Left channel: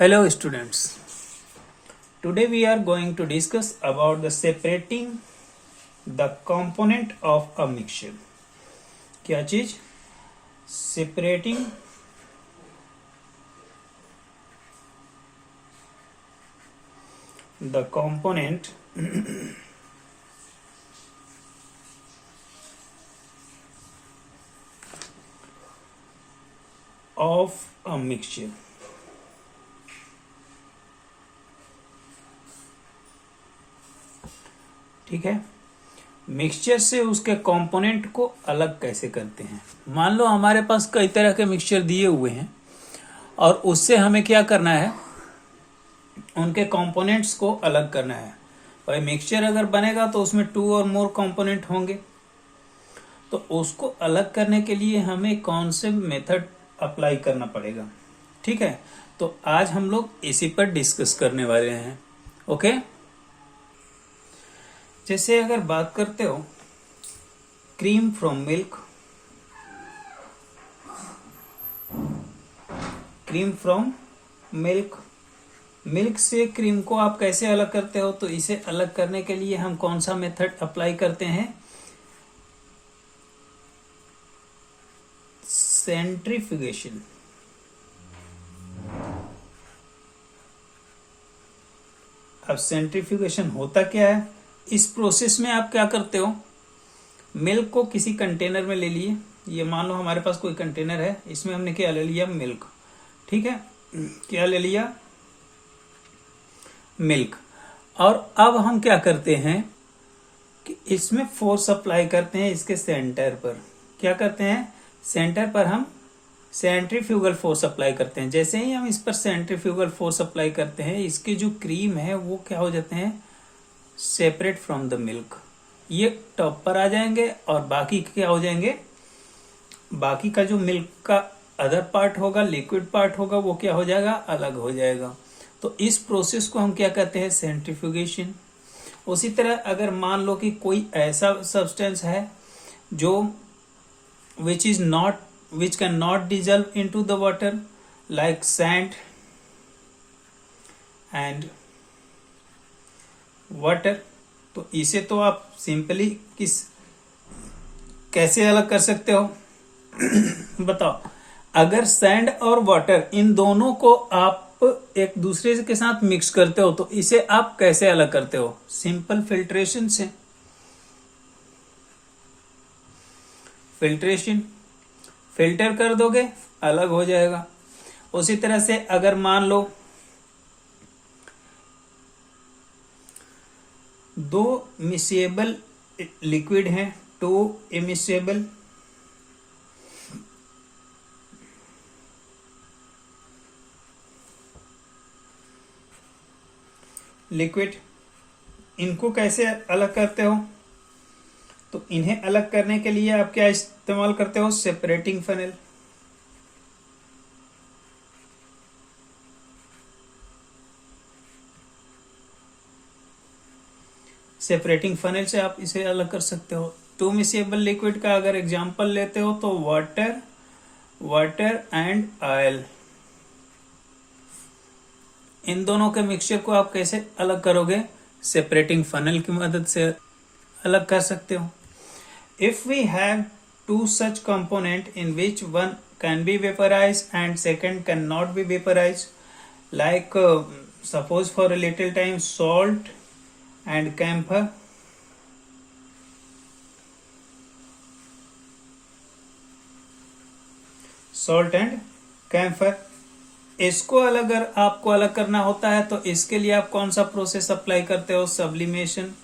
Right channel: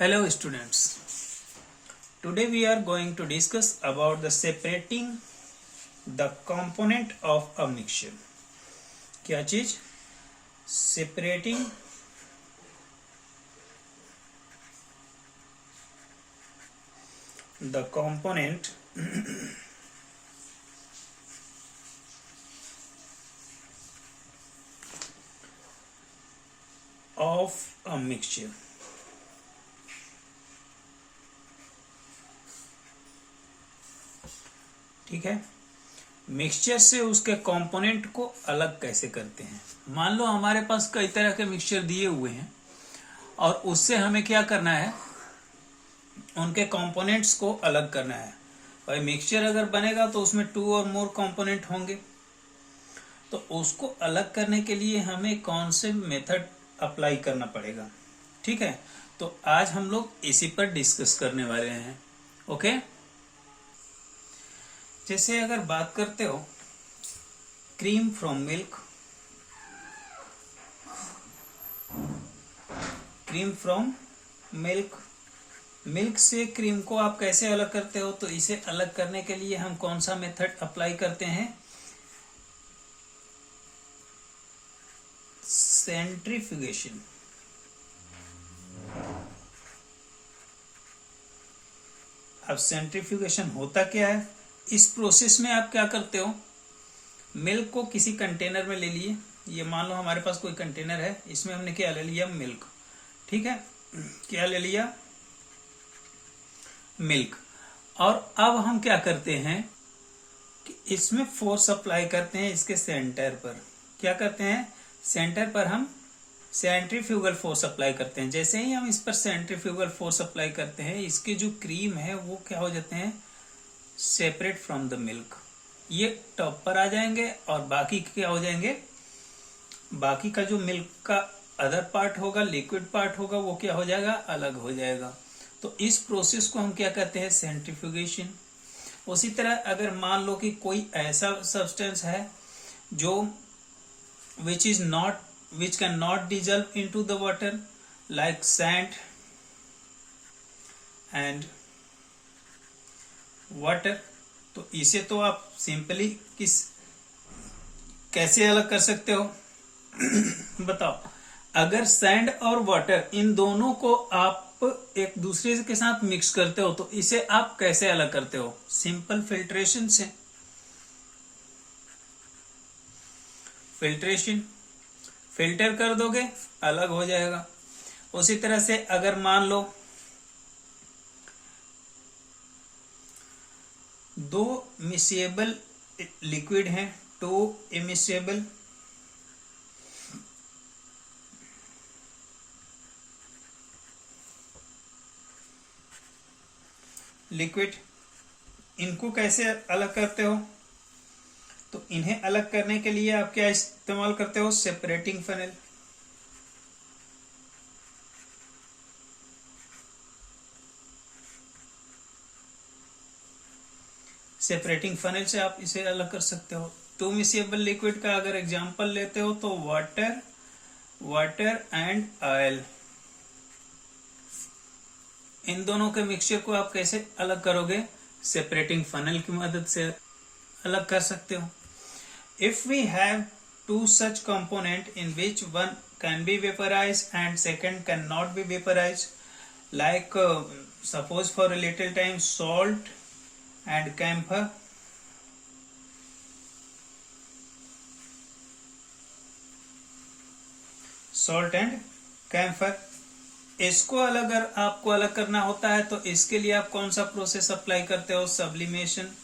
Hello students. Today we are going to discuss about the separating the component of a mixture. क्या चीज? Separating the component of a mixture. ठीक है, mixture से उसके component को अलग कैसे करते हैं। मान लो हमारे पास कई तरह के मिक्सचर दिए हुए हैं और उससे हमें क्या करना है, उनके कंपोनेंट्स को अलग करना है। भाई मिक्सचर अगर बनेगा तो उसमें 2 और मोर कंपोनेंट होंगे, तो उसको अलग करने के लिए हमें कौन से मेथड अप्लाई करना पड़ेगा। ठीक है, तो आज हम लोग इसी पर डिस्कस करने वाले हैं। ओके, जैसे अगर बात करते हो cream from milk, cream from milk, milk से क्रीम को आप कैसे अलग करते हो, तो इसे अलग करने के लिए हम कौन सा मेथड अप्लाई करते हैं, सेंट्रीफ्यूगेशन। अब सेंट्रीफ्यूगेशन होता क्या है, इस प्रोसेस में आप क्या करते हो, मिल्क को किसी कंटेनर में ले लिए। ये मान लो हमारे पास कोई कंटेनर है, इसमें हमने क्या ले लिया, मिल्क। ठीक है, क्या ले लिया, मिल्क। और अब हम क्या करते हैं कि इसमें फोर्स अप्लाई करते हैं इसके सेंटर पर। क्या करते हैं, सेंटर पर हम सेंट्रीफ्यूगल फोर्स अप्लाई करते हैं। जैसे ही हम इस पर सेंट्रीफ्यूगल फोर्स अप्लाई करते हैं, इसके जो क्रीम है वो क्या हो जाते हैं, सेपरेट फ्रॉम द मिल्क। ये टॉप पर आ जाएंगे और बाकी क्या हो जाएंगे, बाकी का जो मिल्क का अदर पार्ट होगा, लिक्विड पार्ट होगा, वो क्या हो जाएगा, अलग हो जाएगा। तो इस प्रोसेस को हम क्या कहते हैं, सेंट्रीफ्यूगेशन। उसी तरह अगर मान लो कि कोई ऐसा सब्सटेंस है जो which can not dissolve into the water like sand and water, तो इसे तो आप सिंपली कैसे अलग कर सकते हो बताओ। अगर सैंड और वाटर इन दोनों को आप एक दूसरे के साथ मिक्स करते हो, तो इसे आप कैसे अलग करते हो, सिंपल फिल्ट्रेशन से। फिल्ट्रेशन, फिल्टर कर दोगे, अलग हो जाएगा। उसी तरह से अगर मान लो 2 मिसेबल लिक्विड हैं, 2 इमिसेबल लिक्विड, इनको कैसे अलग करते हो, तो इन्हें अलग करने के लिए आप क्या इस्तेमाल करते हो, सेपरेटिंग फनेल। सेपरेटिंग फनेल से आप इसे अलग कर सकते हो। 2 मिसेबल लिक्विड का अगर एग्जांपल लेते हो तो वाटर एंड ऑयल, इन दोनों के मिक्सचर को आप कैसे अलग करोगे, सेपरेटिंग फनेल की मदद से अलग कर सकते हो। If we have 2 such component in which one can be vaporized and second cannot be vaporized, like suppose for a little time salt and camphor, salt and camphor, इसको अगर आपको अलग करना होता है तो इसके लिए आप कौन सा प्रोसेस अप्लाई करते हो, सब्लिमेशन।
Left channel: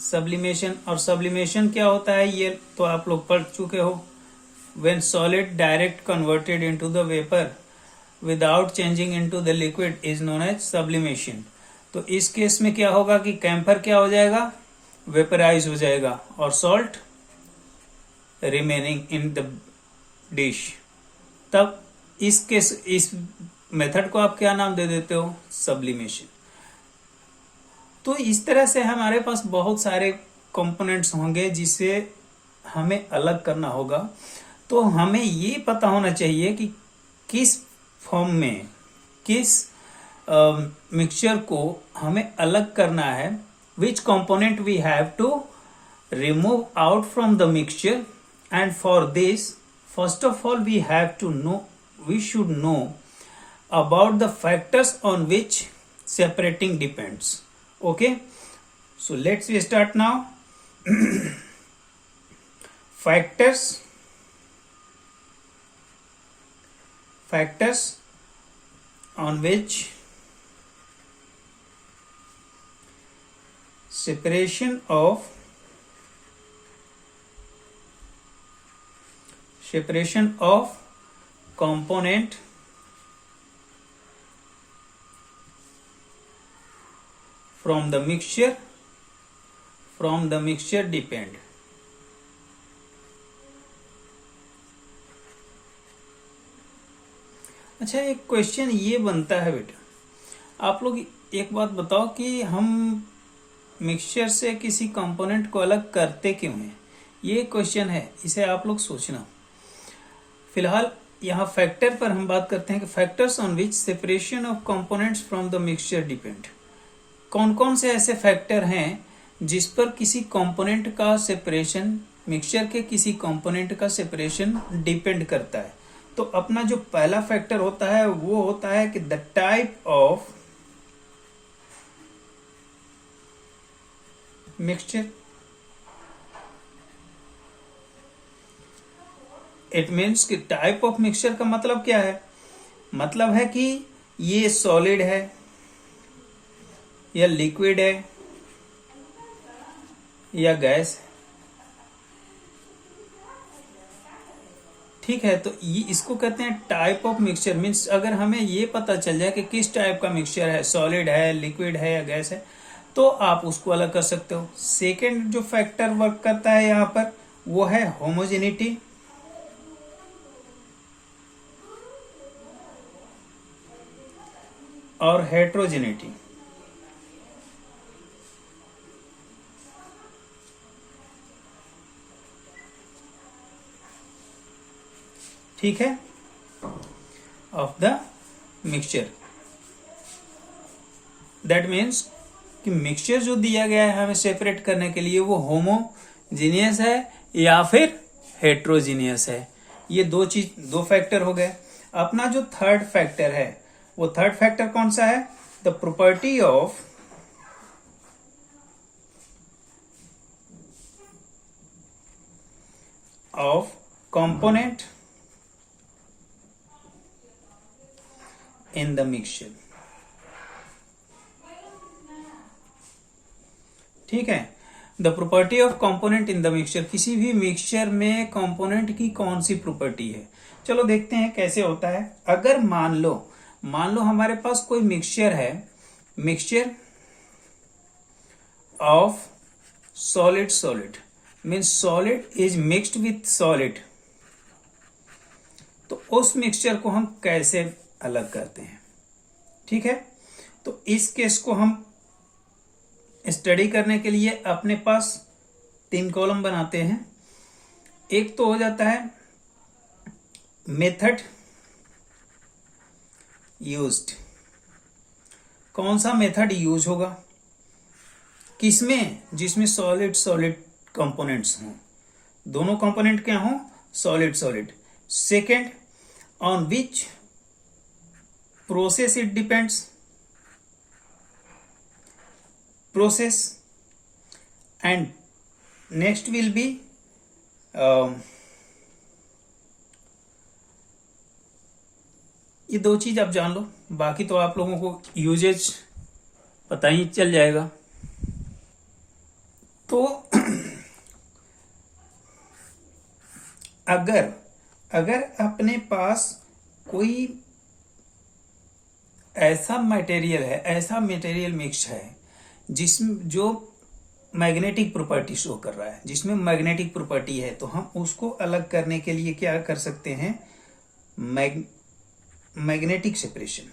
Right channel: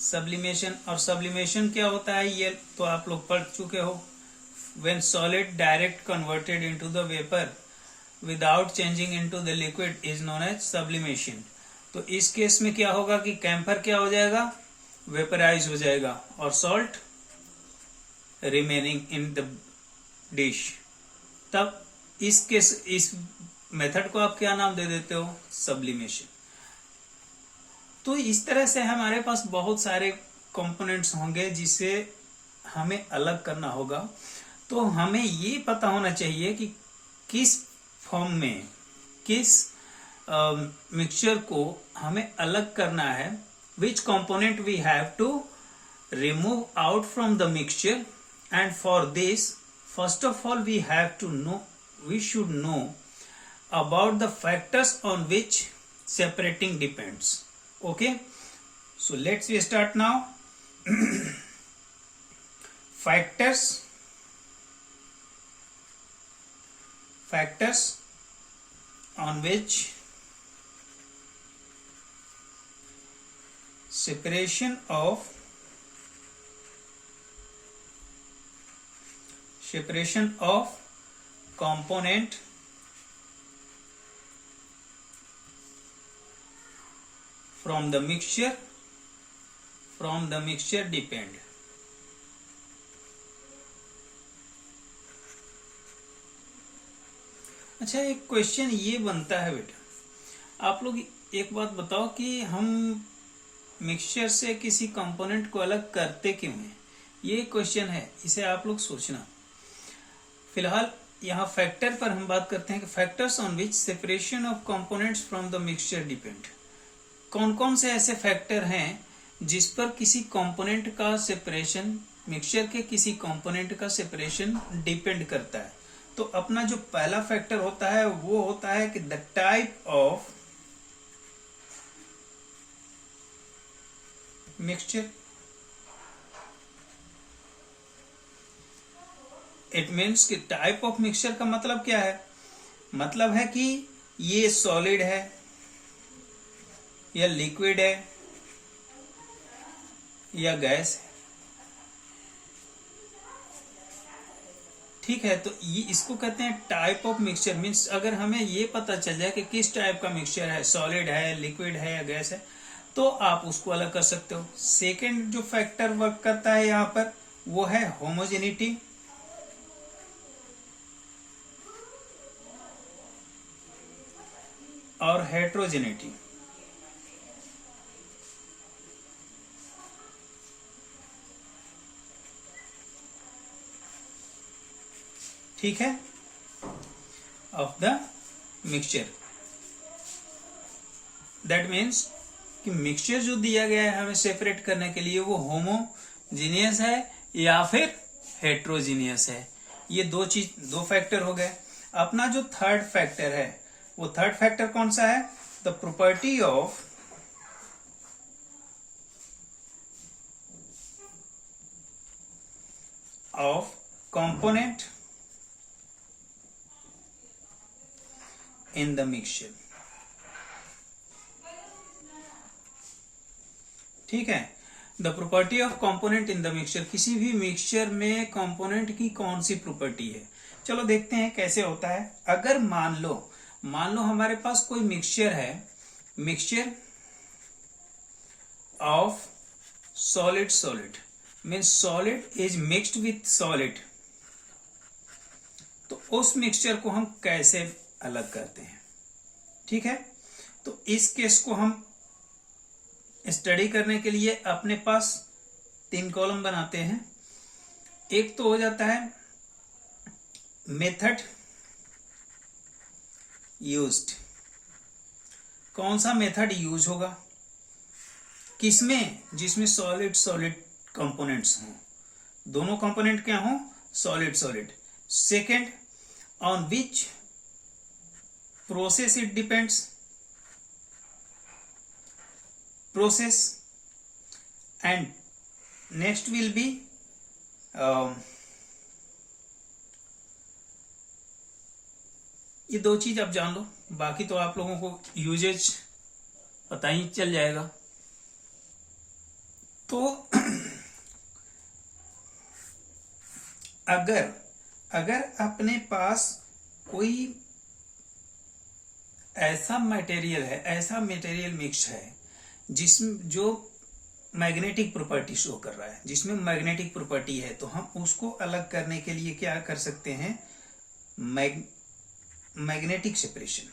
सब्लिमेशन, और सब्लिमेशन क्या होता है ये तो आप लोग पढ़ चुके हो। When solid direct converted into the vapour without changing into the liquid is known as sublimation. तो इस केस में क्या होगा कि कैम्फर क्या हो जाएगा, वेपराइज हो जाएगा, और salt remaining in the dish. तब इस मेथड को आप क्या नाम दे देते हो, सब्लिमेशन। तो इस तरह से हमारे पास बहुत सारे कंपोनेंट्स होंगे जिसे हमें अलग करना होगा। तो हमें ये पता होना चाहिए कि किस फॉर्म में किस मिक्सचर को हमें अलग करना है, which component we have to remove out from the mixture, and for this first of all we should know about the factors on which separating depends. Okay, so let's start now. factors on which separation of component from the mixture depend. अच्छा, एक question ये बनता है बेटा, आप लोग एक बात बताओ कि हम मिक्सचर से किसी कंपोनेंट को अलग करते क्यों हैं? ये क्वेश्चन है, इसे आप लोग सोचना। फिलहाल यहाँ फैक्टर पर हम बात करते हैं कि factors on which separation of components from the mixture depend. कौन कौन से ऐसे फैक्टर हैं जिस पर किसी कंपोनेंट का सेपरेशन, मिक्सचर के किसी कंपोनेंट का सेपरेशन डिपेंड करता है। तो अपना जो पहला फैक्टर होता है वो होता है कि the type of mixture. It means कि टाइप ऑफ मिक्सचर का मतलब क्या है? मतलब है कि ये सॉलिड है या लिक्विड है या गैस है। ठीक है, तो ये इसको कहते हैं टाइप ऑफ मिक्सचर। मीन्स अगर हमें ये पता चल जाए कि किस टाइप का मिक्सचर है, सॉलिड है, लिक्विड है या गैस है, तो आप उसको अलग कर सकते हो। सेकेंड जो फैक्टर वर्क करता है यहाँ पर वो है होमोजेनिटी। और हेट्रोजेनिटी। ठीक है, of the mixture. That means कि मिक्सचर जो दिया गया है हमें सेपरेट करने के लिए वो होमोजीनियस है या फिर हेट्रोजीनियस है। ये दो फैक्टर हो गए। अपना जो थर्ड फैक्टर है वो थर्ड फैक्टर कौन सा है? The property of component in the mixture. ठीक है, the property of component in the mixture. किसी भी मिक्सचर में कंपोनेंट की कौन सी प्रॉपर्टी है? चलो देखते हैं कैसे होता है। अगर मान लो हमारे पास कोई मिक्सचर है, mixture of solid means solid is mixed with solid, तो उस मिक्सचर को हम कैसे अलग करते हैं? ठीक है, तो इस केस को हम स्टडी करने के लिए अपने पास 3 कॉलम बनाते हैं। एक तो हो जाता है मेथड यूज्ड। कौन सा मेथड यूज होगा? किसमें? जिसमें सॉलिड कंपोनेंट्स हों, दोनों कंपोनेंट क्या हों? Solid. Second, on which process it depends, process. And next will be ये 2 चीज आप जान लो, बाकी तो आप लोगों को यूजेज पता ही चल जाएगा। तो अगर अपने पास कोई ऐसा मटेरियल मिक्स है जिसमें जो मैग्नेटिक प्रॉपर्टी शो कर रहा है, जिसमें मैग्नेटिक प्रॉपर्टी है, तो हम उसको अलग करने के लिए क्या कर सकते हैं? Magnetic separation.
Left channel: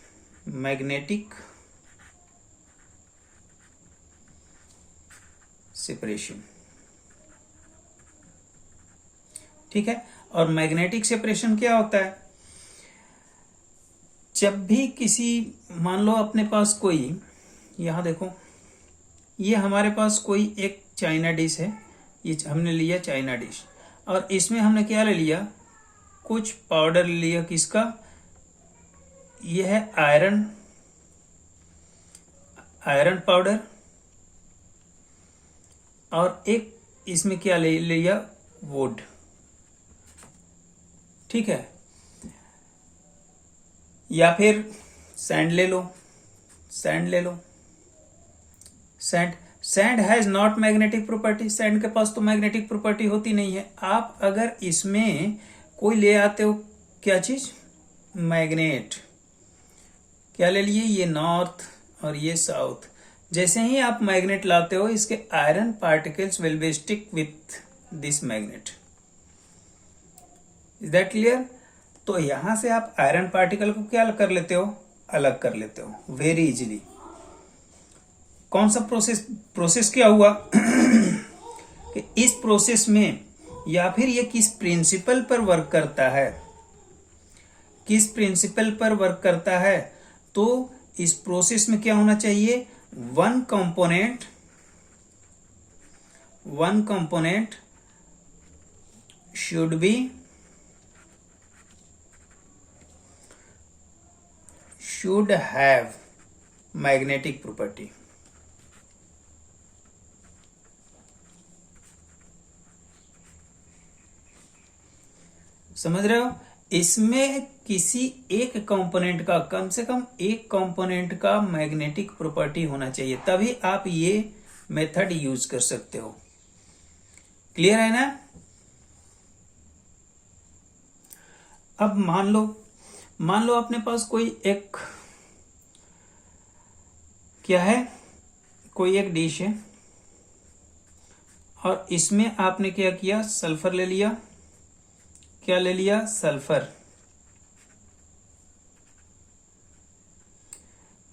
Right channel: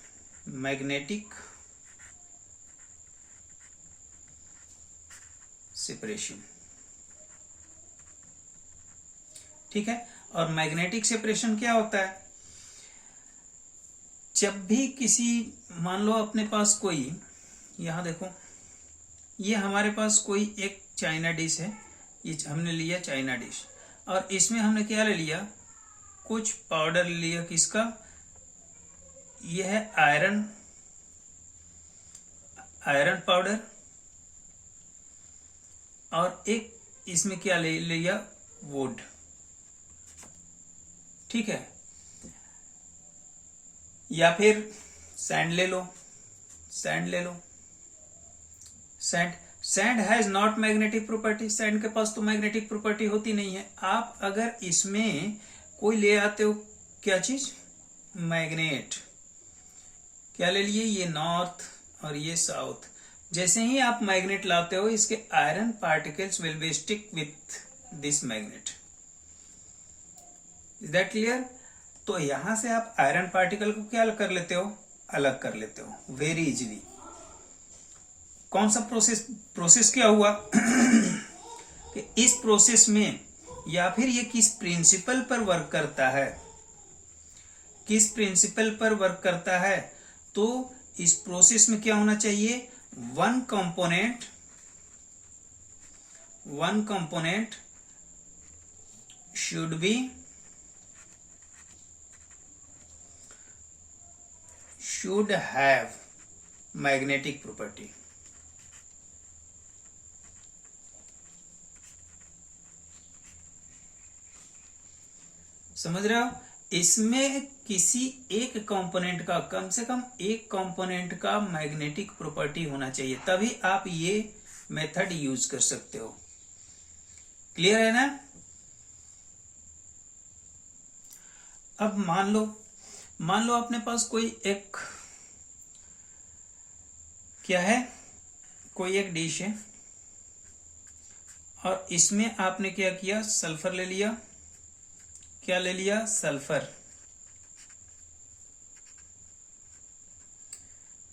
ठीक है, और मैग्नेटिक सेपरेशन क्या होता है? जब भी किसी, मान लो अपने पास कोई, यहाँ देखो, ये हमारे पास कोई एक चाइना डिश है, ये हमने लिया चाइना डिश, और इसमें हमने क्या ले लिया, कुछ पाउडर ले लिया, किसका, ये है आयरन पाउडर, और एक इसमें क्या ले लिया, वुड, ठीक है। या फिर सैंड ले लो, sand has not magnetic property, sand के पास तो मैग्नेटिक प्रॉपर्टी होती नहीं है। आप अगर इसमें कोई ले आते हो, क्या चीज, मैग्नेट, क्या ले लिए, ये नॉर्थ और ये साउथ, जैसे ही आप मैग्नेट लाते हो, इसके iron particles will be stick with this magnet. Is that clear? तो यहां से आप आयरन पार्टिकल को क्या कर लेते हो, अलग कर लेते हो वेरी इजीली। कौन सा प्रोसेस क्या हुआ कि इस प्रोसेस में, या फिर ये किस प्रिंसिपल पर वर्क करता है, किस प्रिंसिपल पर वर्क करता है, तो इस प्रोसेस में क्या होना चाहिए, one component should have magnetic property। समझ रहे हो? इसमें किसी एक कंपोनेंट का, कम से कम एक कंपोनेंट का मैग्नेटिक प्रॉपर्टी होना चाहिए, तभी आप ये मेथड यूज कर सकते हो। क्लियर है ना? अब मान लो अपने पास कोई एक, क्या है, कोई एक डिश है, और इसमें आपने क्या किया, सल्फर ले लिया, क्या ले लिया, सल्फर,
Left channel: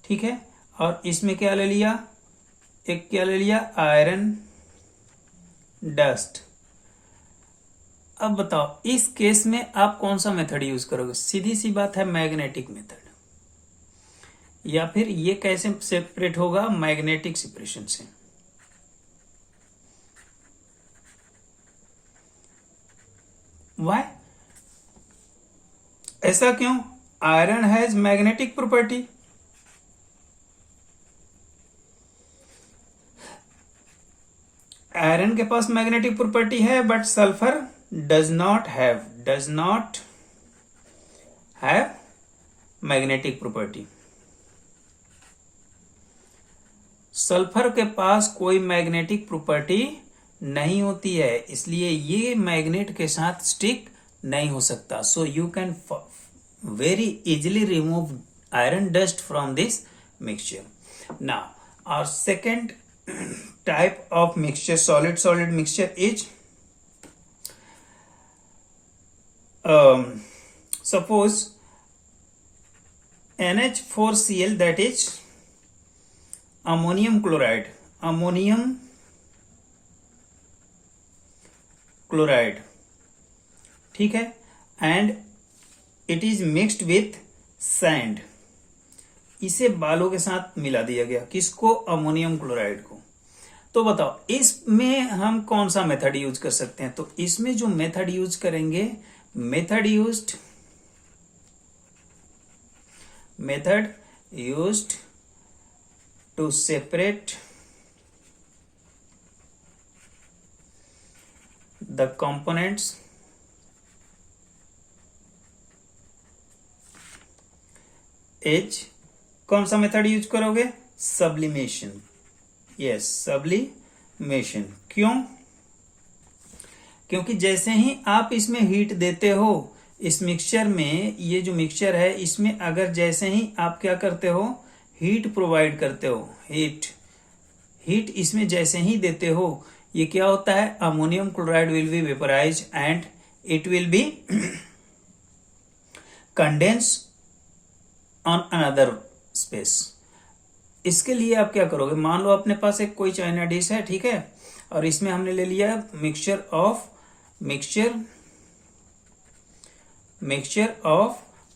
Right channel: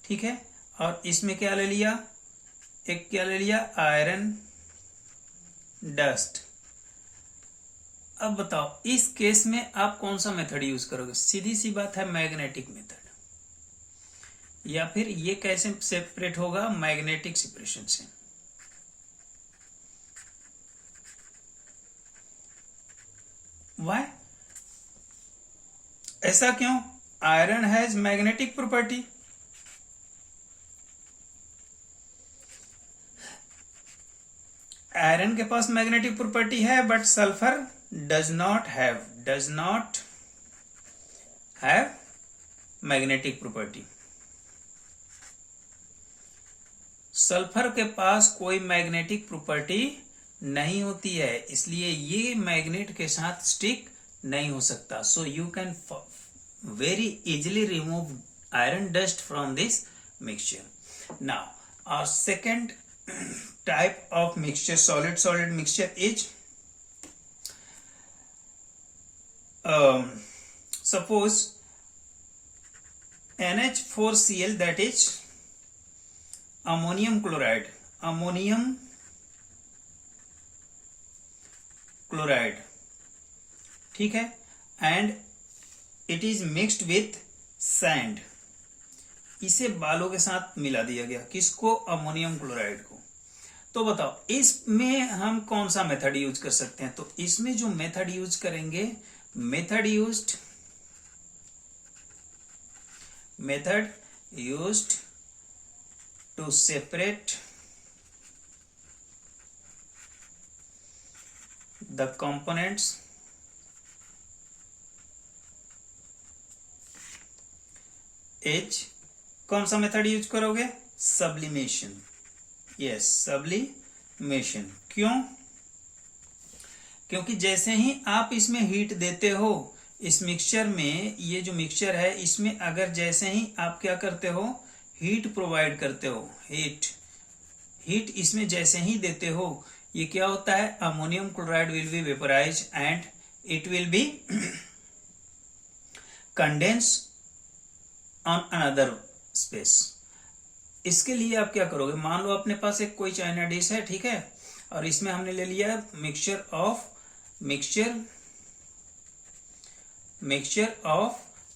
ठीक है, और इसमें क्या ले लिया, एक क्या ले लिया, आयरन डस्ट। अब बताओ, इस केस में आप कौन सा मेथड यूज करोगे? सीधी सी बात है, मैग्नेटिक मेथड। या फिर ये कैसे सेपरेट होगा, मैग्नेटिक सेपरेशन से। वाई, ऐसा क्यों? Iron has magnetic property, iron के पास मैग्नेटिक प्रॉपर्टी है, but sulphur does not have magnetic property. Sulphur के पास कोई मैग्नेटिक प्रॉपर्टी नहीं होती है, इसलिए ये मैग्नेट के साथ स्टिक नहीं हो सकता। So you can very easily remove iron dust from this mixture. Now our second type of mixture, solid mixture, is suppose NH4Cl, that is ammonium chloride, ठीक है, and it is mixed with sand। इसे बालों के साथ मिला दिया गया, किसको, अमोनियम क्लोराइड को। तो बताओ इसमें हम कौन सा मेथड यूज कर सकते हैं? तो इसमें जो मेथड यूज करेंगे, method used to separate the components is, कौन सा मेथड यूज करोगे, सब्लिमेशन। Yes, sublimation. क्यों? क्योंकि जैसे ही आप इसमें हीट देते हो, इस मिक्सचर में, ये जो मिक्सचर है इसमें अगर जैसे ही आप क्या करते हो, हीट प्रोवाइड करते हो, हीट इसमें जैसे ही देते हो, ये क्या होता है, ammonium chloride will be vaporise and it will be condense on another space. इसके लिए आप क्या करोगे, मान लो अपने पास एक कोई चाइना डिश है, ठीक है, और इसमें हमने ले लिया mixture of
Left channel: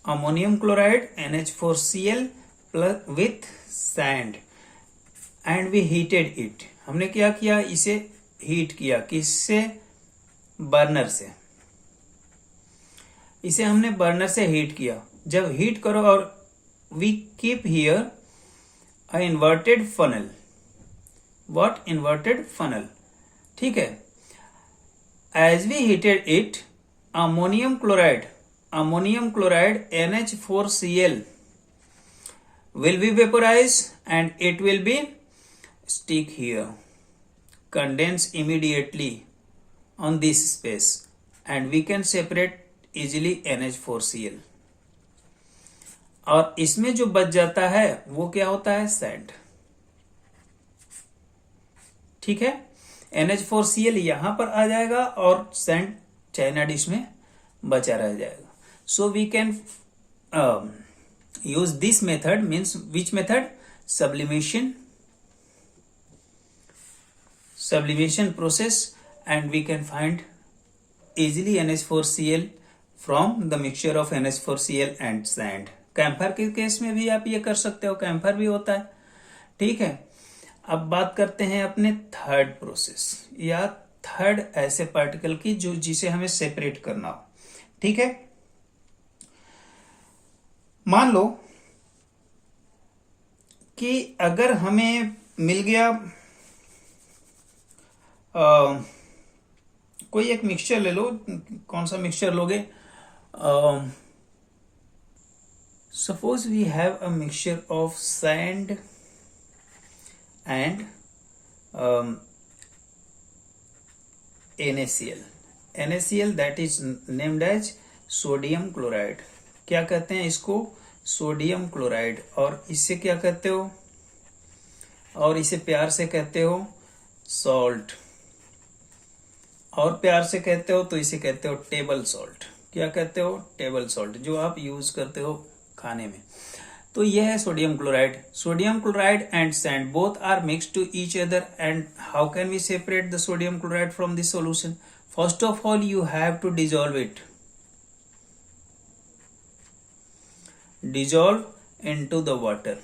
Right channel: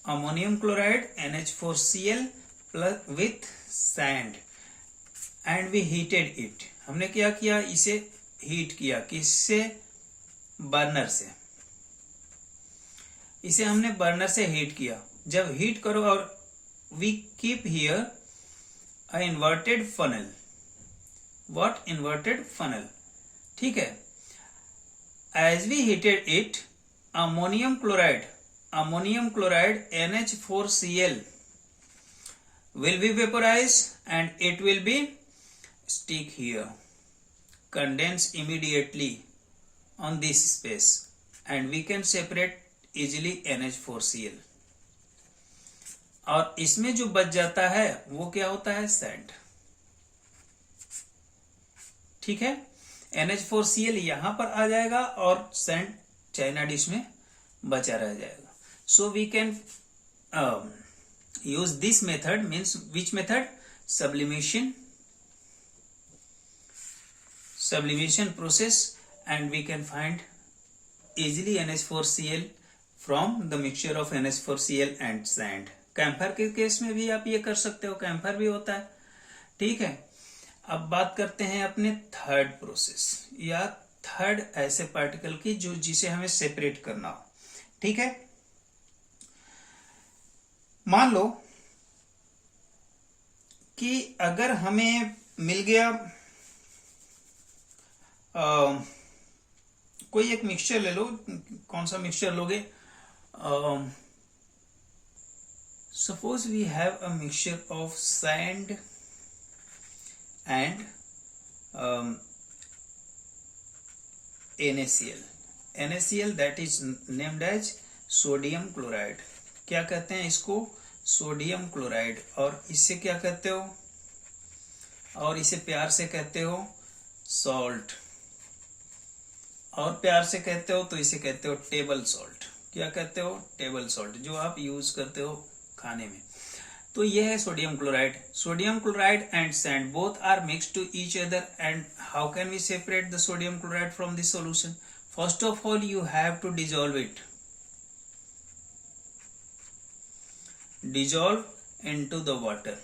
ammonium chloride NH4Cl plus with sand and we heated it. हमने क्या किया, इसे हीट किया, किससे, बर्नर से। इसे हमने बर्नर से हीट किया। जब हीट करो और we keep here a inverted funnel. What, inverted funnel, ठीक है। As we heated it, ammonium chloride NH4Cl will be vaporized and it will be stick here, condense immediately on this space and we can separate easily NH4Cl। और इसमें जो बच जाता है वो क्या होता है, सैंड, ठीक है। NH4Cl यहां पर आ जाएगा और सैंड चाइना डिश में बचा रह जाएगा। So we can use this method, means which method, sublimation process, and we can find easily NH4Cl from the mixture of NH4Cl and sand। Camphor के केस में भी आप ये कर सकते हो, कैम्फर भी होता है, ठीक है। अब बात करते हैं अपने थर्ड प्रोसेस या थर्ड ऐसे पार्टिकल की जो जिसे हमें सेपरेट करना हो, ठीक है। मान लो कि अगर हमें मिल गया कोई एक मिक्सचर ले लो, कौन सा मिक्सचर लोगे, suppose we have a mixture of sand and NaCl that is named as sodium chloride. क्या कहते हैं इसको, सोडियम क्लोराइड। और इससे क्या कहते हो, और इसे प्यार से कहते हो सॉल्ट, और प्यार से कहते हो तो इसे कहते हो टेबल सॉल्ट। क्या कहते हो, टेबल सॉल्ट, जो आप यूज करते हो खाने में। तो यह है sodium chloride. Sodium chloride and sand both are mixed to each other and how can we separate the sodium chloride from this solution. First of all you have to dissolve it, dissolve into the water.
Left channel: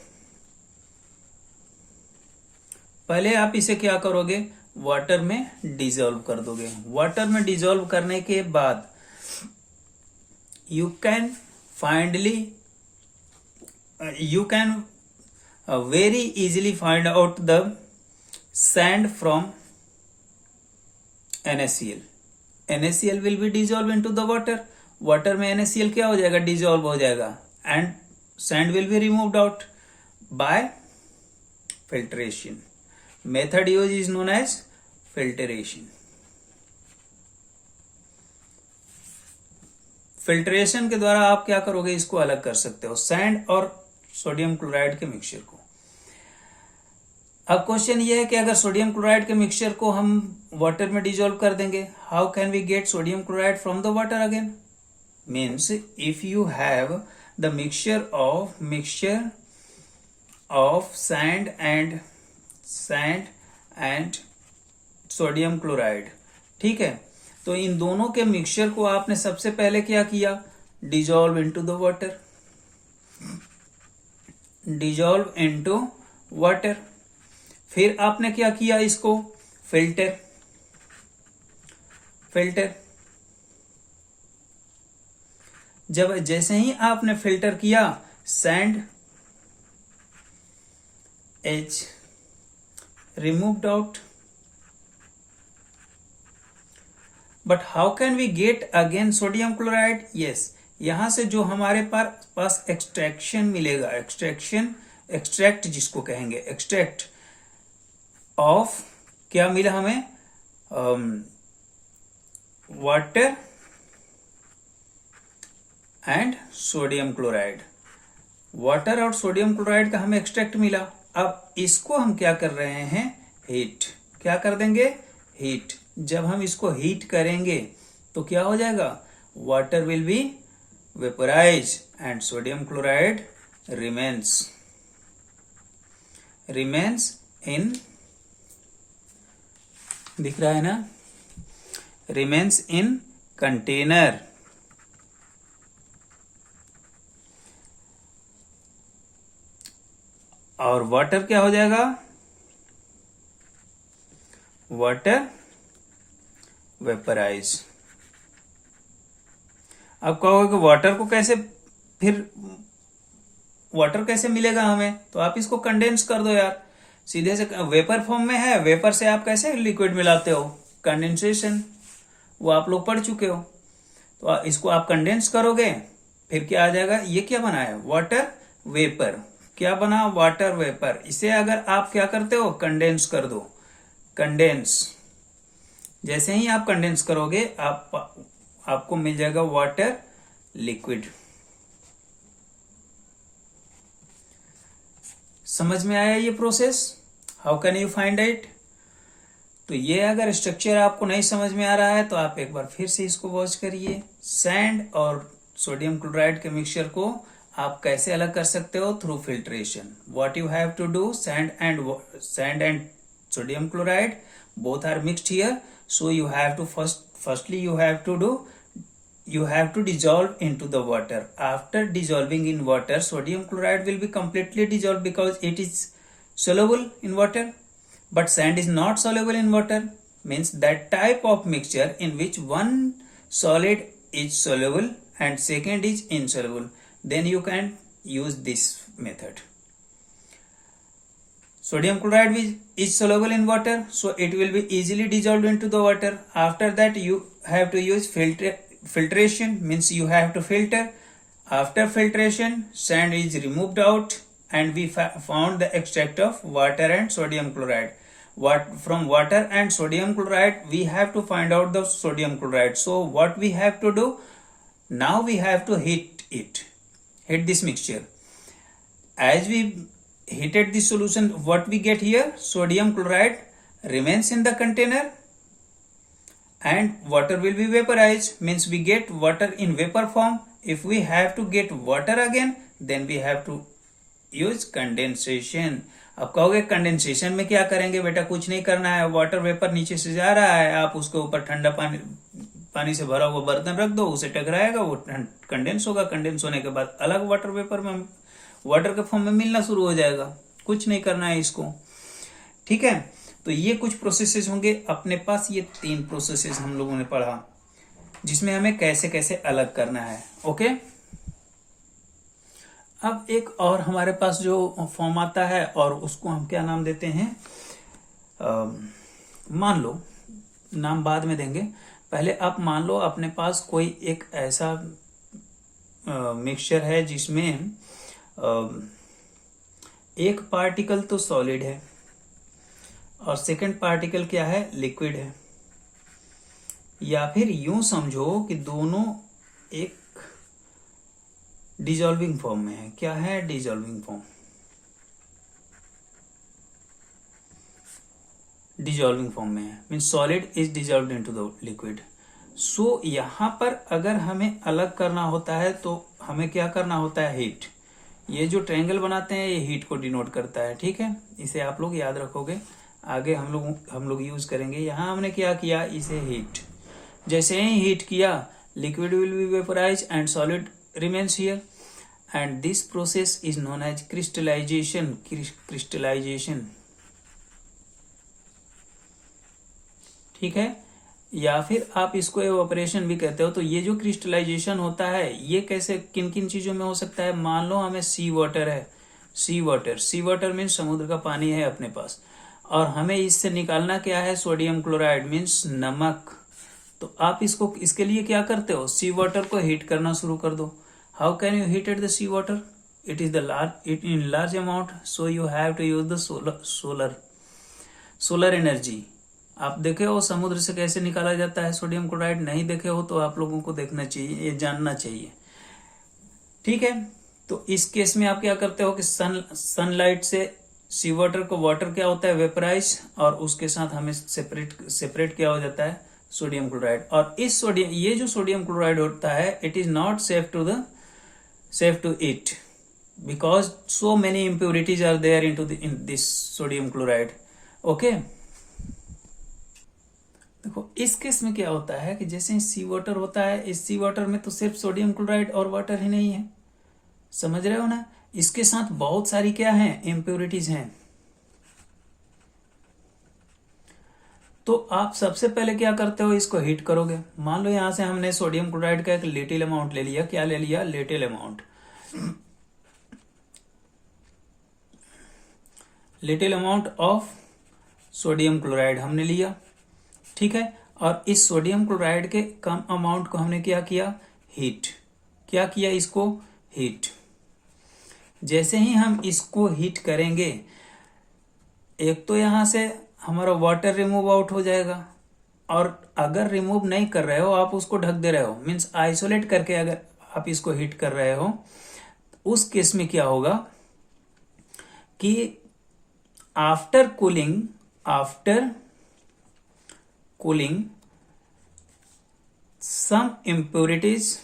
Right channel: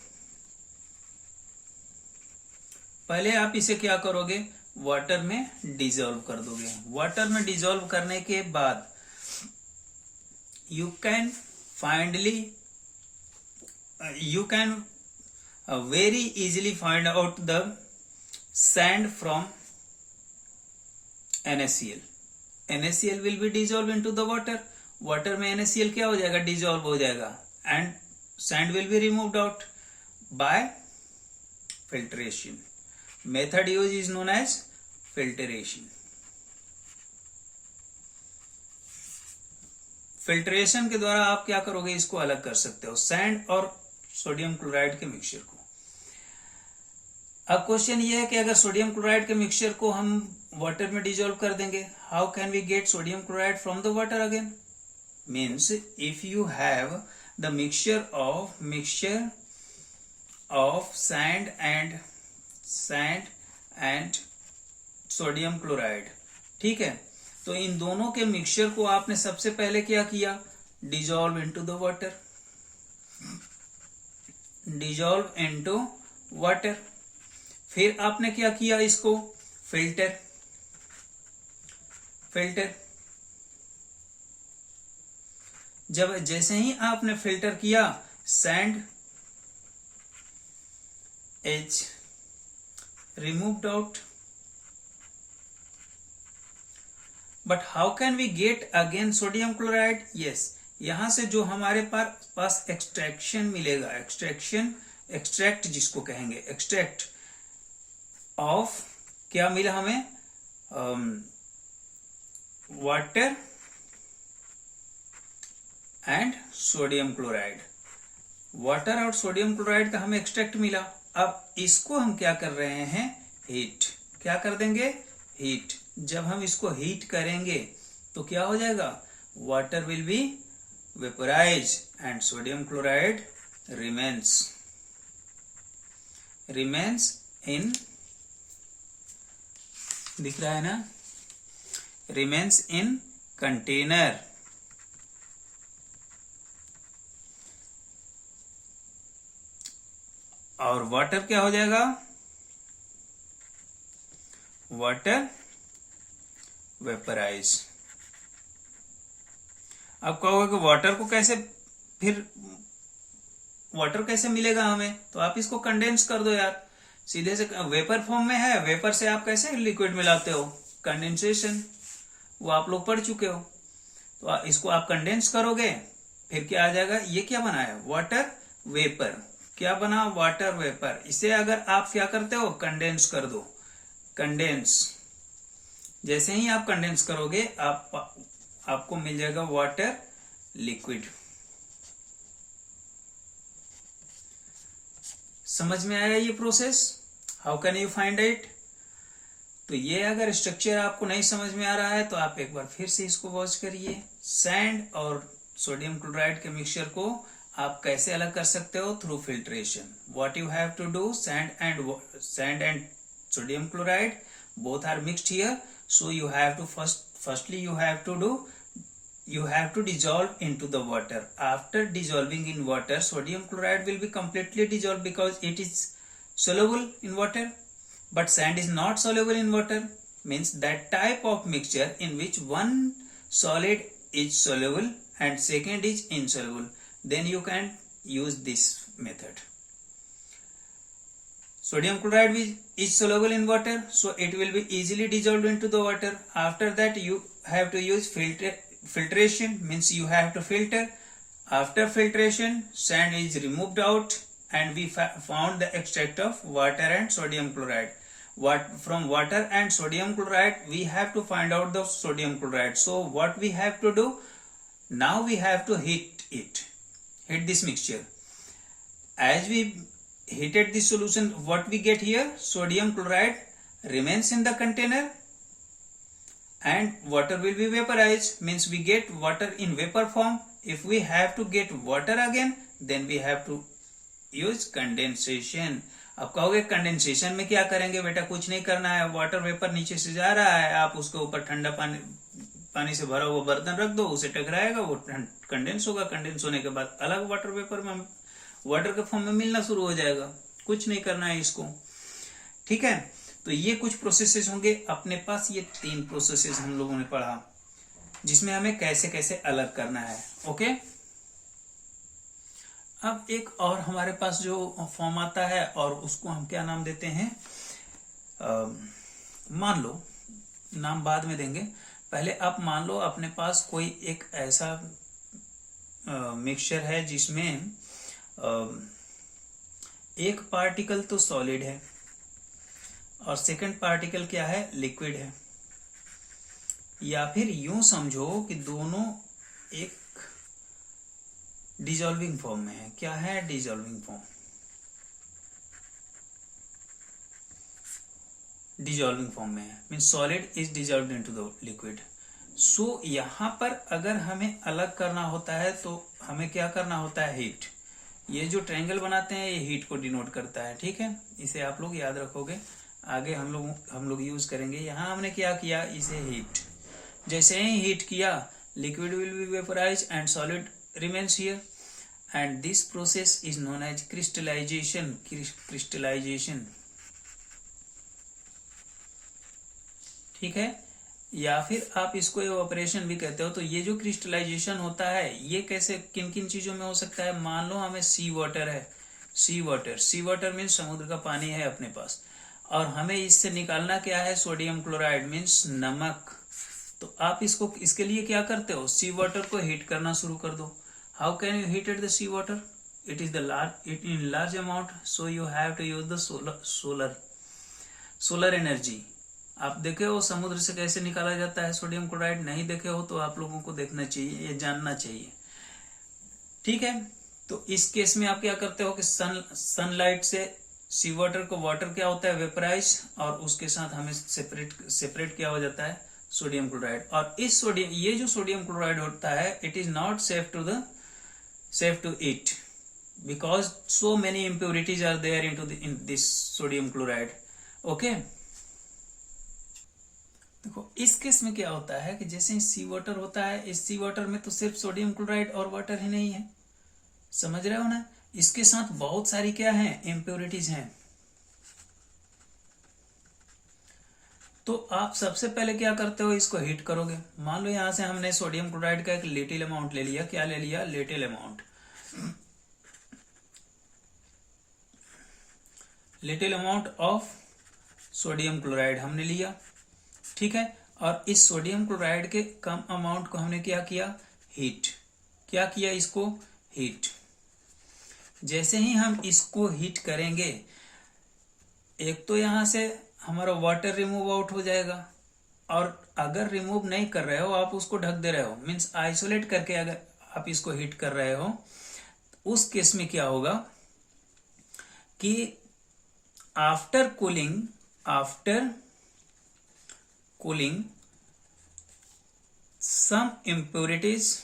पहले आप इसे क्या करोगे, water में dissolve कर दोगे। Water में dissolve करने के बाद you can very easily find out the sand from NaCl। NaCl will be dissolve into the water. Water में NaCl क्या हो जाएगा, डिजॉल्व हो जाएगा, and sand will be removed out by filtration। Method used is known as filtration। Filtration के द्वारा आप क्या करोगे, इसको अलग कर सकते हो, सैंड और सोडियम क्लोराइड के मिक्सचर को। अब क्वेश्चन ये है कि अगर सोडियम क्लोराइड के मिक्सचर को हम वाटर में डिजोल्व कर देंगे, how can we get sodium chloride from the water again. Means if you have the mixture of sand and sodium chloride, ठीक है। तो इन दोनों के मिक्सचर को आपने सबसे पहले क्या किया, dissolve into the water, dissolve into water. फिर आपने क्या किया, इसको फिल्टर। जब जैसे ही आपने फिल्टर किया, sand H removed out, but how can we get again sodium chloride? Yes, यहां से जो हमारे पास एक्सट्रैक्शन मिलेगा, एक्सट्रैक्ट जिसको कहेंगे, एक्सट्रैक्ट ऑफ क्या मिला हमें, water and sodium chloride. Water और सोडियम क्लोराइड का हमें एक्सट्रैक्ट मिला। अब इसको हम क्या कर रहे हैं, हीट। क्या कर देंगे, हीट। जब हम इसको हीट करेंगे तो क्या हो जाएगा, water will be vaporise and sodium chloride remains in, दिख रहा है ना, रिमेन्स इन कंटेनर। और वाटर क्या हो जाएगा, वाटर वेपराइज। अब कहोगे कि वाटर को कैसे, फिर वाटर कैसे मिलेगा हमें, तो आप इसको कंडेंस कर दो यार, सीधे से वेपर फॉर्म में है, वेपर से आप कैसे लिक्विड मिलाते हो, कंडेंसेशन, वो आप लोग पढ़ चुके हो। तो इसको आप कंडेंस करोगे, फिर क्या आ जाएगा, ये क्या बना है, वाटर वेपर, क्या बना, वाटर वेपर। इसे अगर आप क्या करते हो, कंडेंस कर दो, कंडेंस, जैसे ही आप कंडेंस करोगे आपको मिल जाएगा वाटर लिक्विड। समझ में आया ये process, how can you find it. तो ये अगर स्ट्रक्चर आपको नहीं समझ में आ रहा है तो आप एक बार फिर से इसको वॉच करिए। सैंड और सोडियम क्लोराइड के मिक्सचर को आप कैसे अलग कर सकते हो, through filtration. What you have to do, sand and sodium chloride both are mixed here, so you have to firstly you have to dissolve into the water. After dissolving in water, sodium chloride will be completely dissolved because it is soluble in water, but sand is not soluble in water, means that type of mixture in which one solid is soluble and second is insoluble, then you can use this method. Sodium chloride is soluble in water, so it will be easily dissolved into the water. After that you have to use filtration, means you have to filter. After filtration, sand is removed out and we found the extract of water and sodium chloride. From water and sodium chloride we have to find out the sodium chloride. So what we have to do, now we have to heat this mixture. As we heated the solution, what we get here, sodium chloride remains in the container and water will be vaporized, means we get water in vapor form. If we have to get water again, then we have to use condensation. अब कहोगे condensation में क्या करेंगे बेटा, कुछ नहीं करना है, वाटर वेपर नीचे से जा रहा है, आप उसके ऊपर ठंडा पानी से भरा हुआ बर्तन रख दो, उसे टकराएगा, वो कंडेंस होगा, कंडेंस होने के बाद अलग वाटर वेपर में, वाटर के फॉर्म में मिलना शुरू हो जाएगा। कुछ नहीं करना है इसको, ठीक है। तो ये कुछ प्रोसेसेस होंगे अपने पास, ये 3 प्रोसेसेस हम लोगों ने पढ़ा, जिसमें हमें कैसे कैसे अलग करना है। ओके, अब एक और हमारे पास जो फॉर्म आता है, और उसको हम क्या नाम देते हैं, मान लो, नाम बाद में देंगे, पहले आप मान लो अपने पास कोई एक ऐसा मिक्सचर है जिसमें एक पार्टिकल तो सॉलिड है और सेकंड पार्टिकल क्या है, लिक्विड है, या फिर यूं समझो कि दोनों एक डिसॉल्विंग फॉर्म में है। क्या है, डिसॉल्विंग फॉर्म, डिसॉल्विंग फॉर्म में है, mean solid is dissolved into the liquid. So यहां पर अगर हमें अलग करना होता है तो हमें क्या करना होता है, हीट। ये जो ट्रायंगल बनाते हैं ये हीट को डिनोट करता है, ठीक है, इसे आप लोग याद रखोगे, आगे हम लोग यूज करेंगे। यहां हमने क्या किया, इसे हीट, जैसे ही हीट किया liquid will be vaporise and solid remains here, and this process is known as crystallisation. Crystallisation, ठीक है, या फिर आप इसको एवोपरेशन भी कहते हो। तो ये जो क्रिस्टलाइजेशन होता है ये कैसे, किन किन चीजों में हो सकता है, मान लो हमें सी वाटर है, सी वाटर मीन्स समुद्र का पानी है अपने पास, और हमें इससे निकालना क्या है, सोडियम क्लोराइड मीन्स नमक। तो आप इसको, इसके लिए क्या करते हो, सी वाटर को हीट करना शुरू कर दो। How can you heat the sea water, it is in large amount, so you have to use the solar energy. आप देखे हो समुद्र से कैसे निकाला जाता है सोडियम क्लोराइड, नहीं देखे हो तो आप लोगों को देखना चाहिए, ये जानना चाहिए, ठीक है। तो इस केस में आप क्या करते हो कि सनलाइट से सी वाटर को, वाटर क्या होता है, वेपराइज, और उसके साथ हमें सेपरेट क्या हो जाता है, सोडियम क्लोराइड। और इस सोडियम, ये जो सोडियम क्लोराइड होता है, it is not safe to eat because so many impurities are there in this sodium chloride. Okay, देखो इस केस में क्या होता है कि जैसे सी वाटर होता है, इस सी वाटर में तो सिर्फ सोडियम क्लोराइड और वाटर ही नहीं है, समझ रहे हो ना। इसके साथ बहुत सारी क्या है, इम्प्योरिटीज हैं। तो आप सबसे पहले क्या करते हो, इसको हीट करोगे। मान लो यहां से हमने सोडियम क्लोराइड का एक लिटिल अमाउंट ले लिया। क्या ले लिया, little amount, little amount of sodium chloride हमने लिया, ठीक है। और इस सोडियम क्लोराइड के कम अमाउंट को हमने क्या किया, हीट। क्या किया, इसको हीट। जैसे ही हम इसको हीट करेंगे, एक तो यहां से हमारा वाटर रिमूव आउट हो जाएगा, और अगर रिमूव नहीं कर रहे हो, आप उसको ढक दे रहे हो, मीन्स आइसोलेट करके अगर आप इसको हीट कर रहे हो, उस केस में क्या होगा कि after cooling some impurities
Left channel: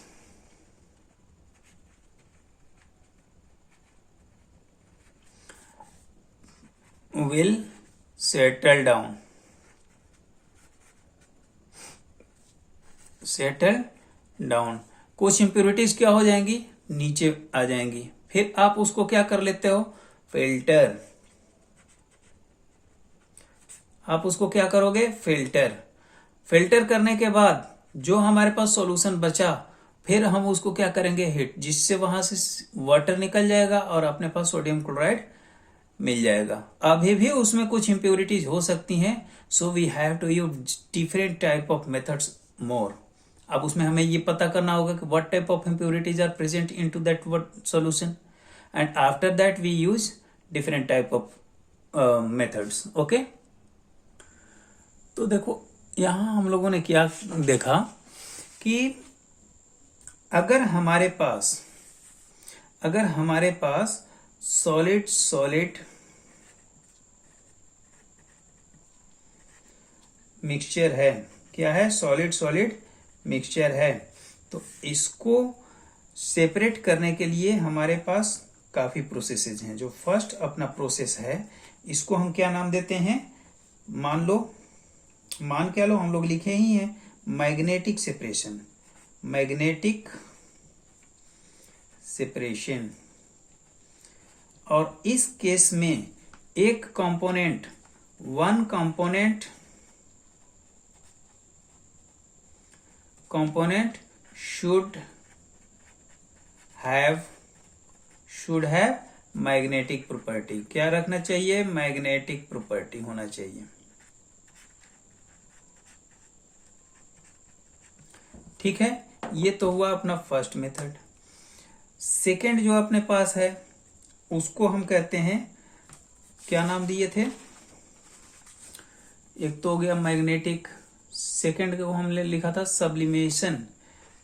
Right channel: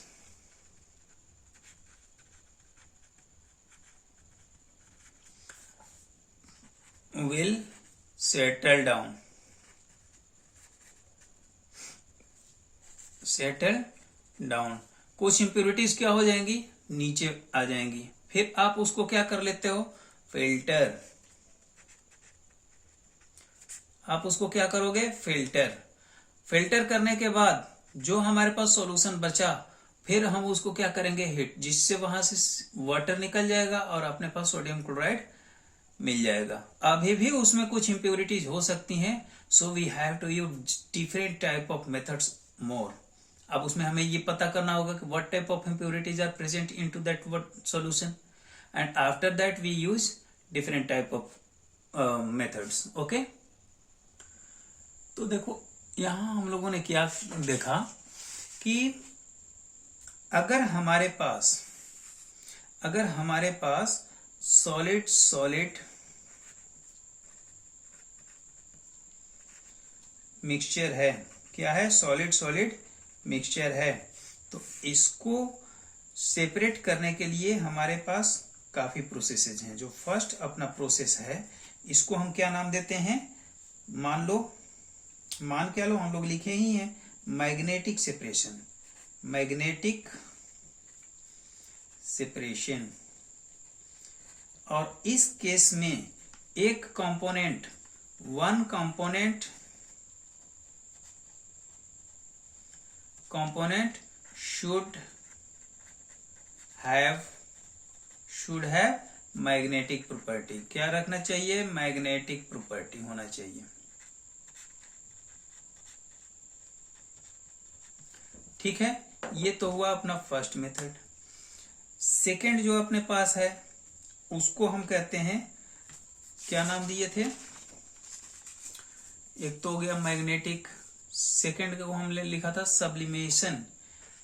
will settle down, कुछ इम्प्योरिटीज क्या हो जाएंगी, नीचे आ जाएंगी। फिर आप उसको क्या कर लेते हो, फिल्टर। आप उसको क्या करोगे, फिल्टर करने के बाद जो हमारे पास सॉल्यूशन बचा, फिर हम उसको क्या करेंगे, हीट, जिससे वहां से वाटर निकल जाएगा और अपने पास सोडियम क्लोराइड मिल जाएगा। अभी भी उसमें कुछ इम्प्योरिटीज हो सकती हैं, so we have to use different type of methods more. अब उसमें हमें ये पता करना होगा कि what type of impurities are present into that solution, and after that we use different type of methods. Okay, तो देखो यहां हम लोगों ने क्या देखा कि अगर हमारे पास सॉलिड मिक्सचर है, क्या है, सॉलिड मिक्सचर है, तो इसको सेपरेट करने के लिए हमारे पास काफी प्रोसेसेस हैं। जो फर्स्ट अपना प्रोसेस है, इसको हम क्या नाम देते हैं, मान क्या लो, हम लोग लिखे ही हैं मैग्नेटिक सेपरेशन। और इस केस में एक component, one component should have magnetic property. क्या रखना चाहिए, मैग्नेटिक प्रॉपर्टी होना चाहिए, ठीक है। ये तो हुआ अपना फर्स्ट मेथड। सेकंड जो अपने पास है, उसको हम कहते हैं, क्या नाम दिए थे, एक तो हो गया मैग्नेटिक, सेकंड को हमने लिखा था सब्लिमेशन।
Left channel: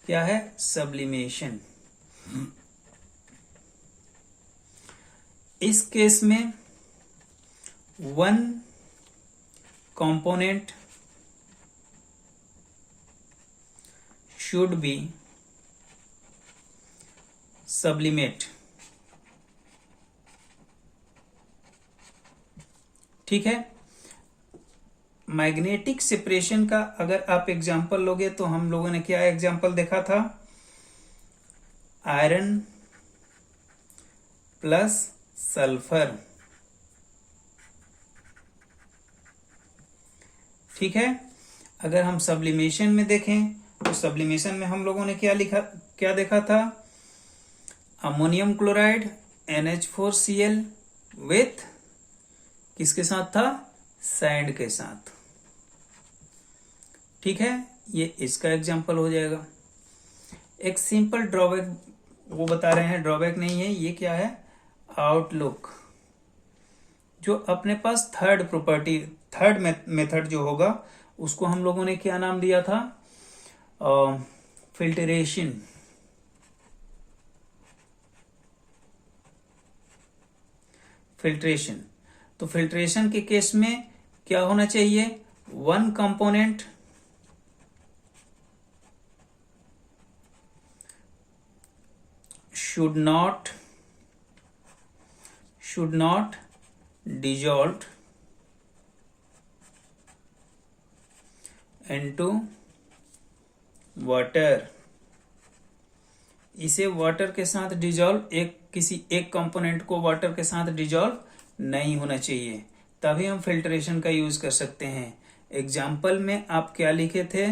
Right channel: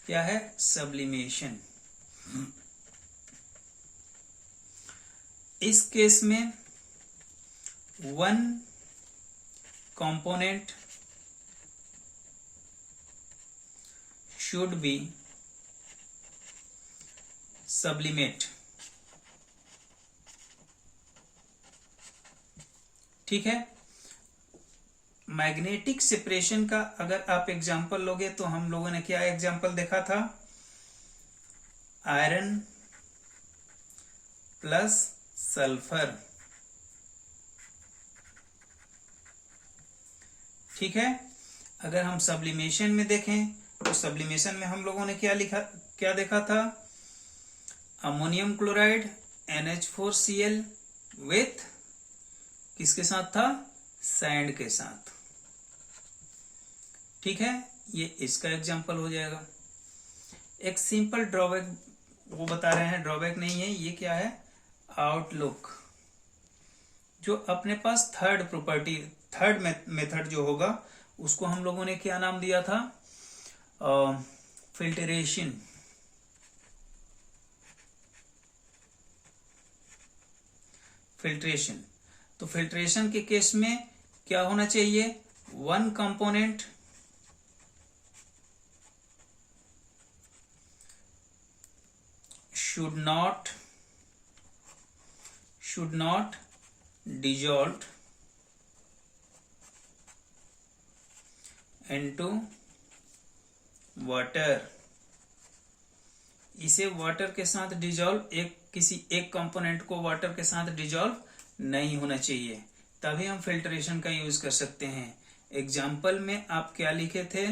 क्या है, सब्लिमेशन। इस केस में one component should be sublimate, ठीक है। मैग्नेटिक सेपरेशन का अगर आप एग्जांपल लोगे, तो हम लोगों ने क्या एग्जांपल देखा था, आयरन प्लस सल्फर, ठीक है। अगर हम सब्लिमेशन में देखें, तो सब्लिमेशन में हम लोगों ने क्या देखा था, अमोनियम क्लोराइड NH4Cl विथ किसके साथ था, सैंड के साथ, ठीक है। ये इसका एग्जांपल हो जाएगा। एक सिंपल ड्रॉबैक वो बता रहे हैं, ड्रॉबैक नहीं है ये, क्या है, आउटलुक। जो अपने पास थर्ड मेथड जो होगा, उसको हम लोगों ने क्या नाम दिया था, फिल्टरेशन। तो फिल्ट्रेशन के केस में क्या होना चाहिए, one component should not dissolve into water इसे वाटर के साथ डिजॉल्व, किसी एक कंपोनेंट को वाटर के साथ डिजॉल्व नहीं होना चाहिए, तभी हम फिल्ट्रेशन का यूज कर सकते हैं। एग्जाम्पल में आप क्या लिखे थे,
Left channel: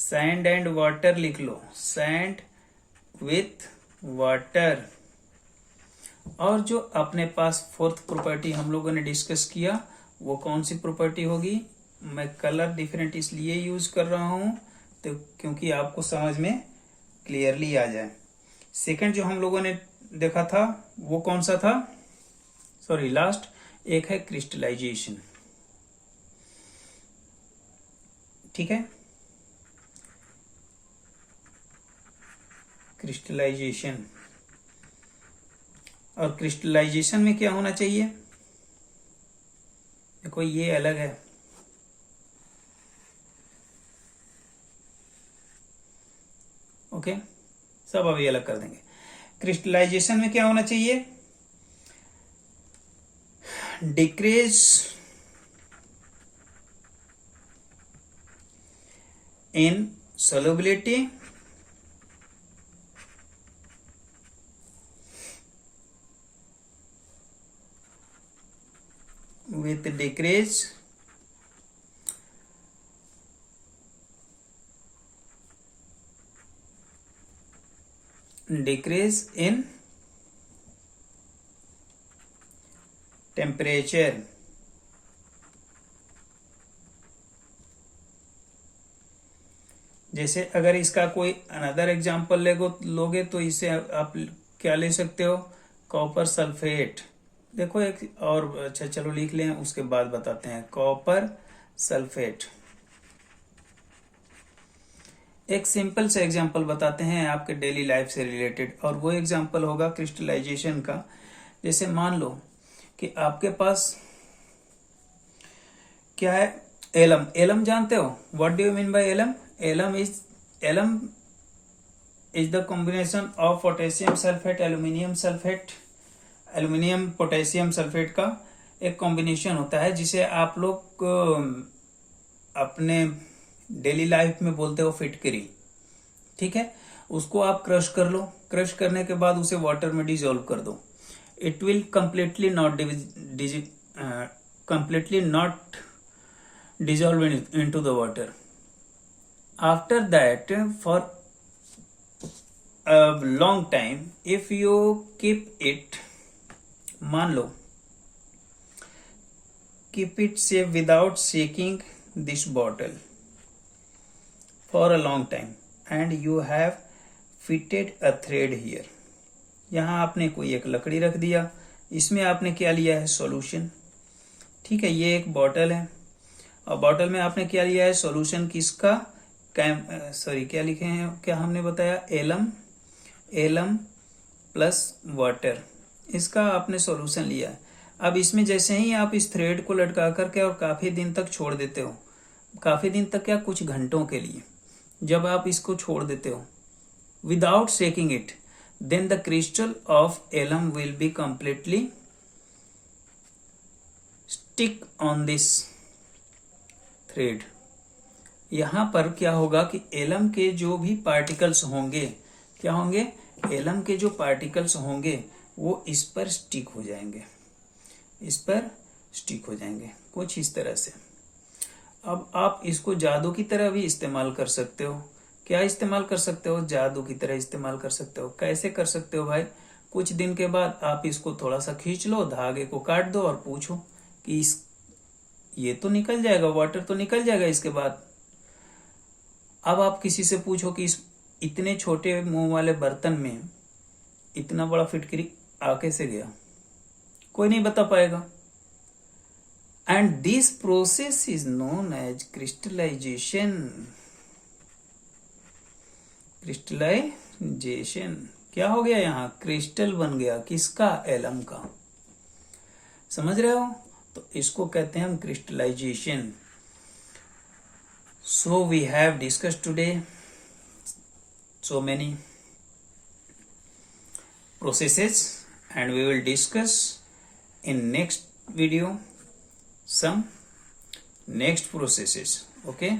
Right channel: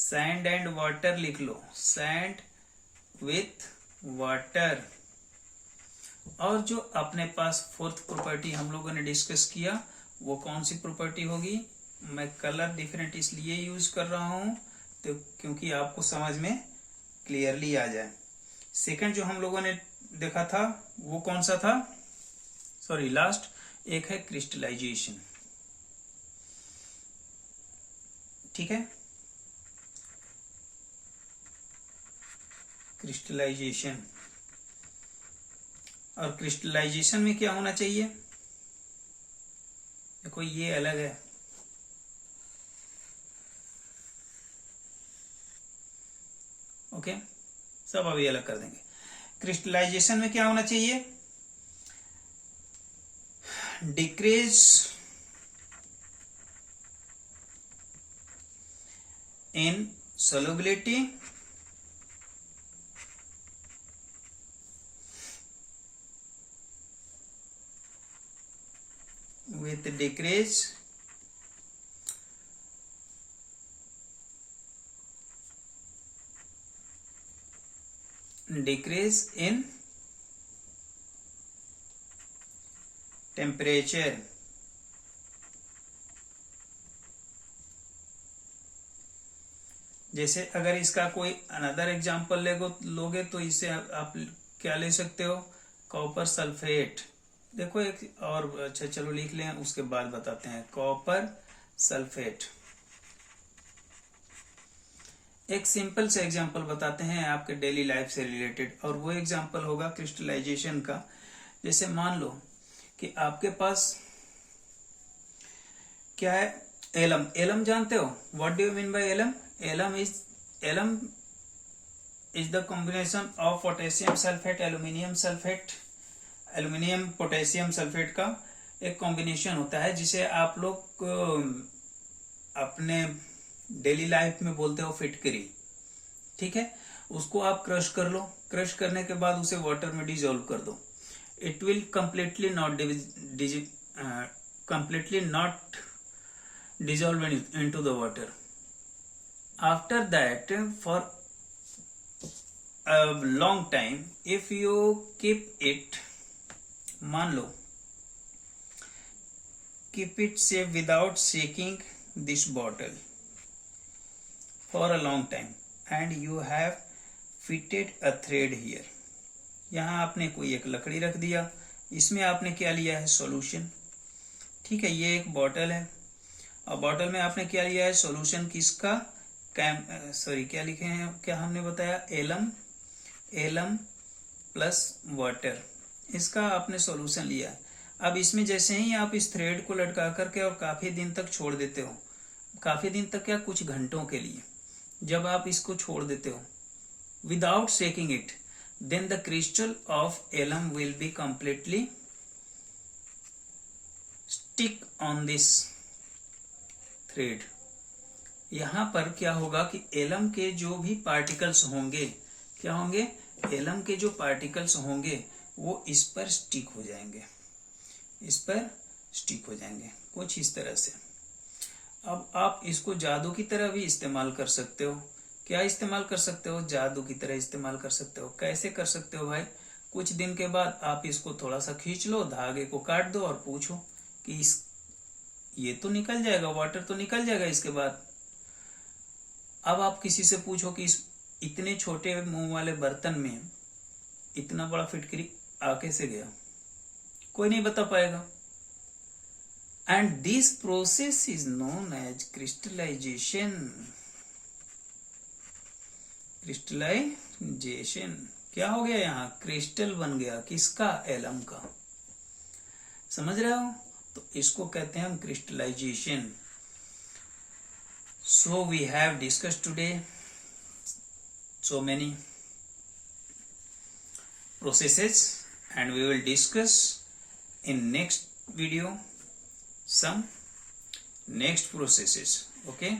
सैंड एंड वाटर लिख लो, सैंड विथ वाटर। और जो अपने पास फोर्थ प्रॉपर्टी हम लोगों ने डिस्कस किया वो कौन सी प्रॉपर्टी होगी, मैं कलर डिफरेंट इसलिए यूज कर रहा हूं तो क्योंकि आपको समझ में क्लियरली आ जाए। सेकंड जो हम लोगों ने देखा था वो कौन सा था, सॉरी लास्ट एक है क्रिस्टलाइजेशन। ठीक है, क्रिस्टलाइजेशन। और क्रिस्टलाइजेशन में क्या होना चाहिए, देखो ये अलग है, ओके सब अभी अलग कर देंगे। क्रिस्टलाइजेशन में क्या होना चाहिए, decrease in solubility with decrease in temperature। जैसे अगर इसका कोई अनदर एग्जांपल लोगे तो इसे आप क्या ले सकते हो, कॉपर सल्फेट। देखो एक और, अच्छा चलो लिख लें उसके बाद बताते हैं, कॉपर सल्फेट। एक सिंपल से एग्जांपल बताते हैं आपके डेली लाइफ से रिलेटेड, और वो एग्जांपल होगा क्रिस्टलाइजेशन का। जैसे मान लो कि आपके पास क्या है, एलम। एलम जानते हो, what do you mean by alum? Alum is the combination of potassium sulphate, aluminium sulphate. Aluminium potassium sulphate का एक कॉम्बिनेशन होता है जिसे आप लोग अपने डेली लाइफ में बोलते हो फिटकरी। ठीक है, उसको आप क्रश कर लो, क्रश करने के बाद उसे वाटर में डिजोल्व कर दो। It will completely not dissolve into the water. After that, for a long time, if you keep it, मान लो keep it safe without shaking this bottle for a long time, and you have fitted a thread here. यहाँ आपने कोई एक लकड़ी रख दिया, इसमें आपने क्या लिया है, सॉल्यूशन। ठीक है, ये एक बॉटल है और बॉटल में आपने क्या लिया है, सॉल्यूशन किसका, क्या लिखे हैं, क्या हमने बताया, एलम प्लस वाटर, इसका आपने सॉल्यूशन लिया। अब इसमें जैसे ही आप इस थ्रेड को लटका करके और काफी दिन तक छोड़ देते हो, काफी दिन तक क्या, कुछ घंटों के लिए जब आप इसको छोड़ देते हो without shaking it, then the crystal of alum will be completely stick on this thread। यहां पर क्या होगा कि एलम के जो भी पार्टिकल्स होंगे, क्या होंगे, एलम के जो पार्टिकल्स होंगे वो इस पर स्टिक हो जाएंगे, इस पर स्टिक हो जाएंगे कुछ इस तरह से। अब आप इसको जादू की तरह भी इस्तेमाल कर सकते हो। क्या इस्तेमाल कर सकते हो, जादू की तरह इस्तेमाल कर सकते हो। कैसे कर सकते हो भाई, कुछ दिन के बाद आप इसको थोड़ा सा खींच लो, धागे को काट दो और पूछो कि ये तो निकल जाएगा, वाटर तो निकल जाएगा इसके बाद। अब आप किसी से पूछो कि इस इतने छोटे मुंह वाले बर्तन में इतना बड़ा फिटकरी आ कैसे गया, कोई नहीं बता पाएगा। And this process is known as crystallisation. Crystallisation क्या हो गया, यहाँ क्रिस्टल बन गया, किसका, एलम का। समझ रहे हो, तो इसको कहते हैं हम crystallisation. So we have discussed today so many processes, and we will discuss in next video some next processes. Okay,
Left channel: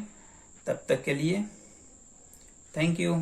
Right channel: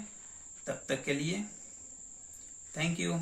तब तक के लिए थैंक यू।